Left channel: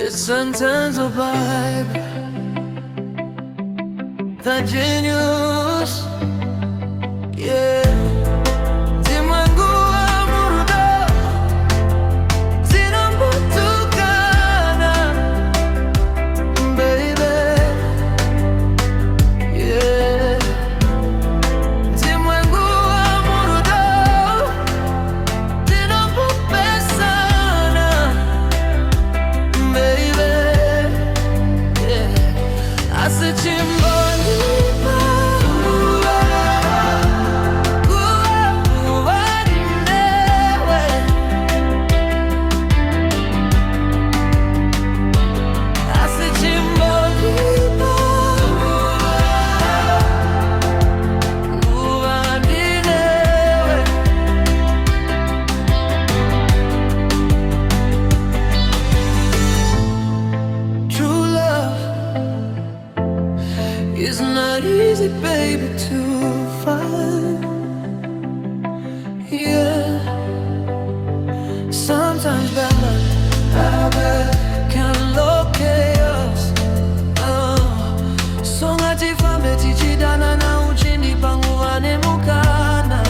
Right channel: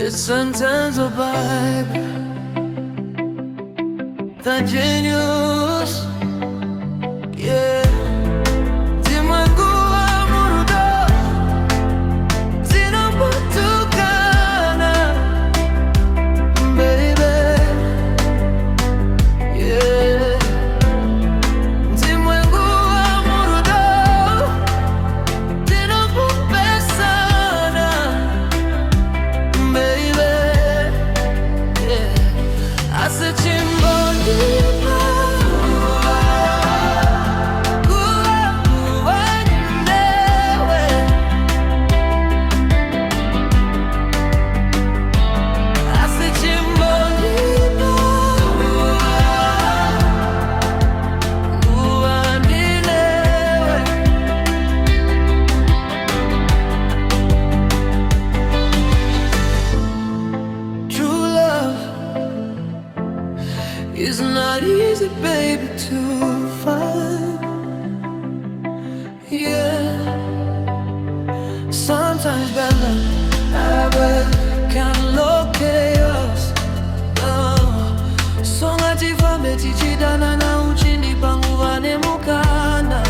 It's N-Tenzo vibe, the genius, yeah. Ulimwengu wa Murudo, zinambutukana, baby, yeah. Ulimwengu wa Murudo, zinambupesana, baby, yeah. Asichimbonipa it's not easy, baby, to find. Yeah, sometimes bad luck can locate us. So ngatifambe tichidana na uchindi pangu vanemukana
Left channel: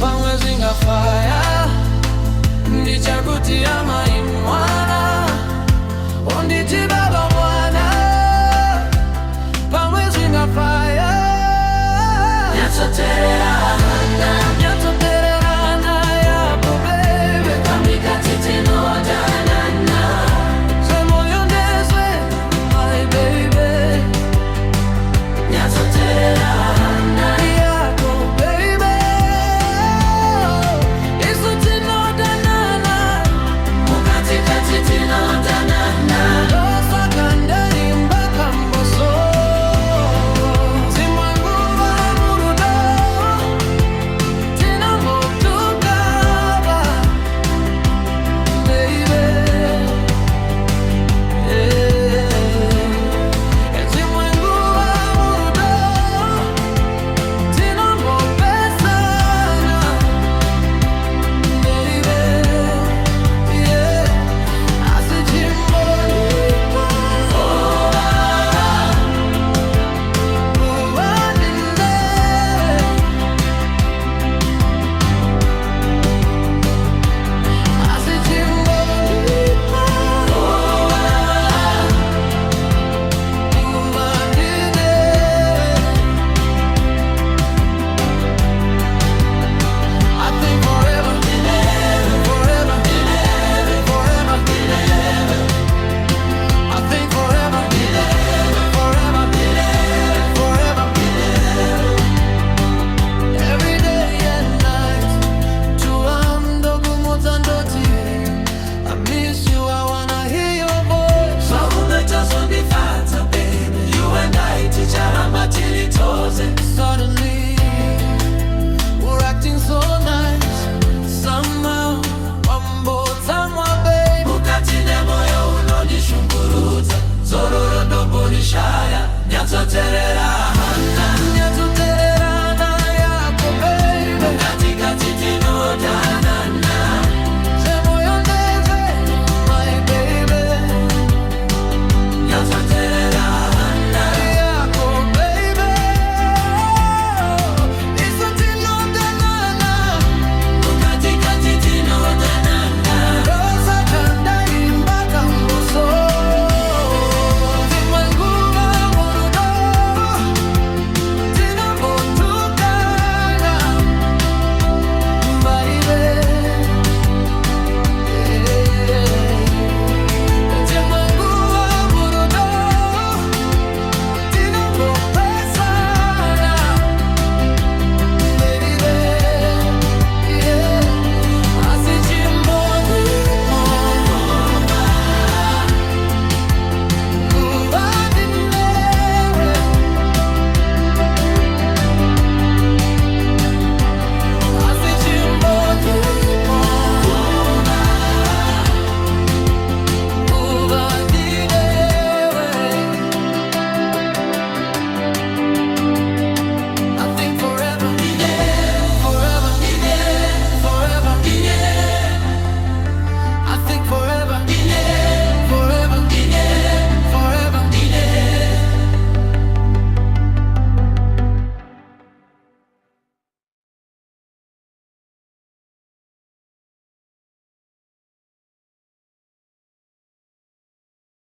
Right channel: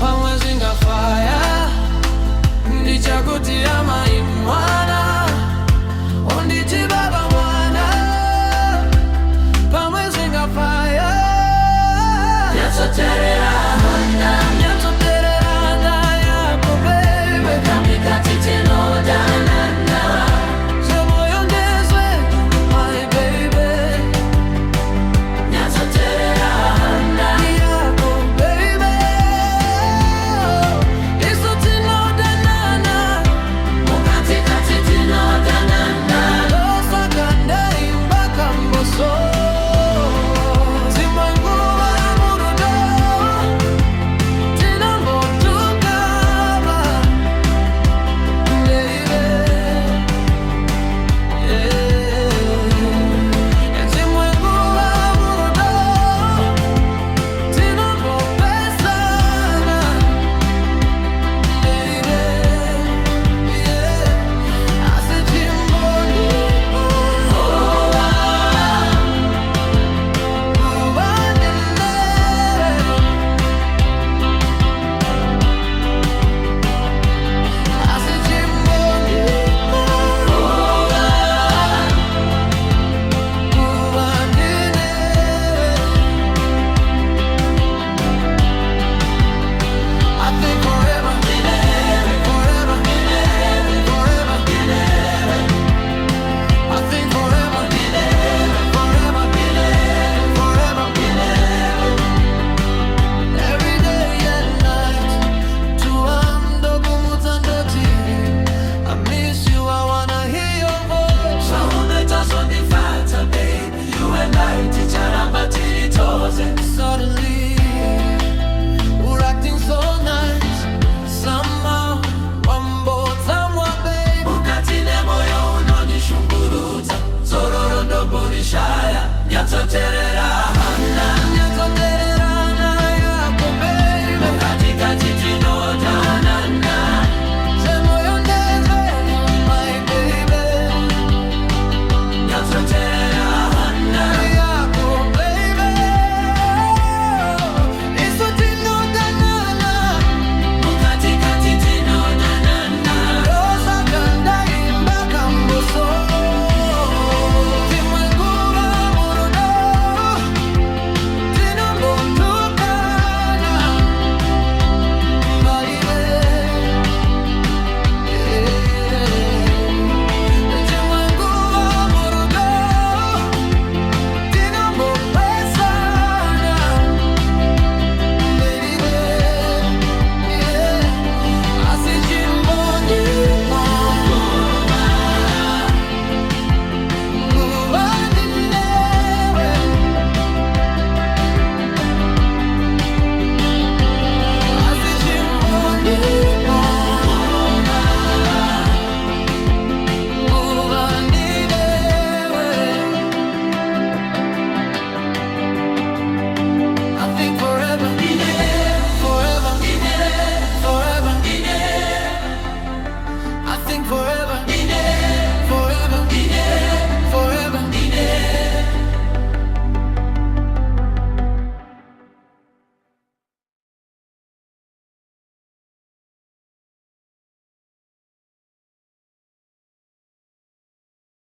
pamwe zingafaya ndichakuti amaimwana onditi baba mwana pamwe zingafaya nyatsotererana yako baby semoyo ndezwe my baby yako baby isutinodanana losakandai mpaka mboso. I miss you, I wanna hear your voice. You and I teach suddenly, we're acting so nice. Somehow, wambotamwa babe. Ukatine moyo unonishunguruza. Zororo ndomburishaya. Nyatsotererana yako baby. Katikati tinodanana. Semoyo ndezwe my baby. Nyatsotererana yako baby. Isutinodanana. Katikati tinodanana. Losakandai mpaka mboso. Ulimwengu wa Murudo, forever, forever.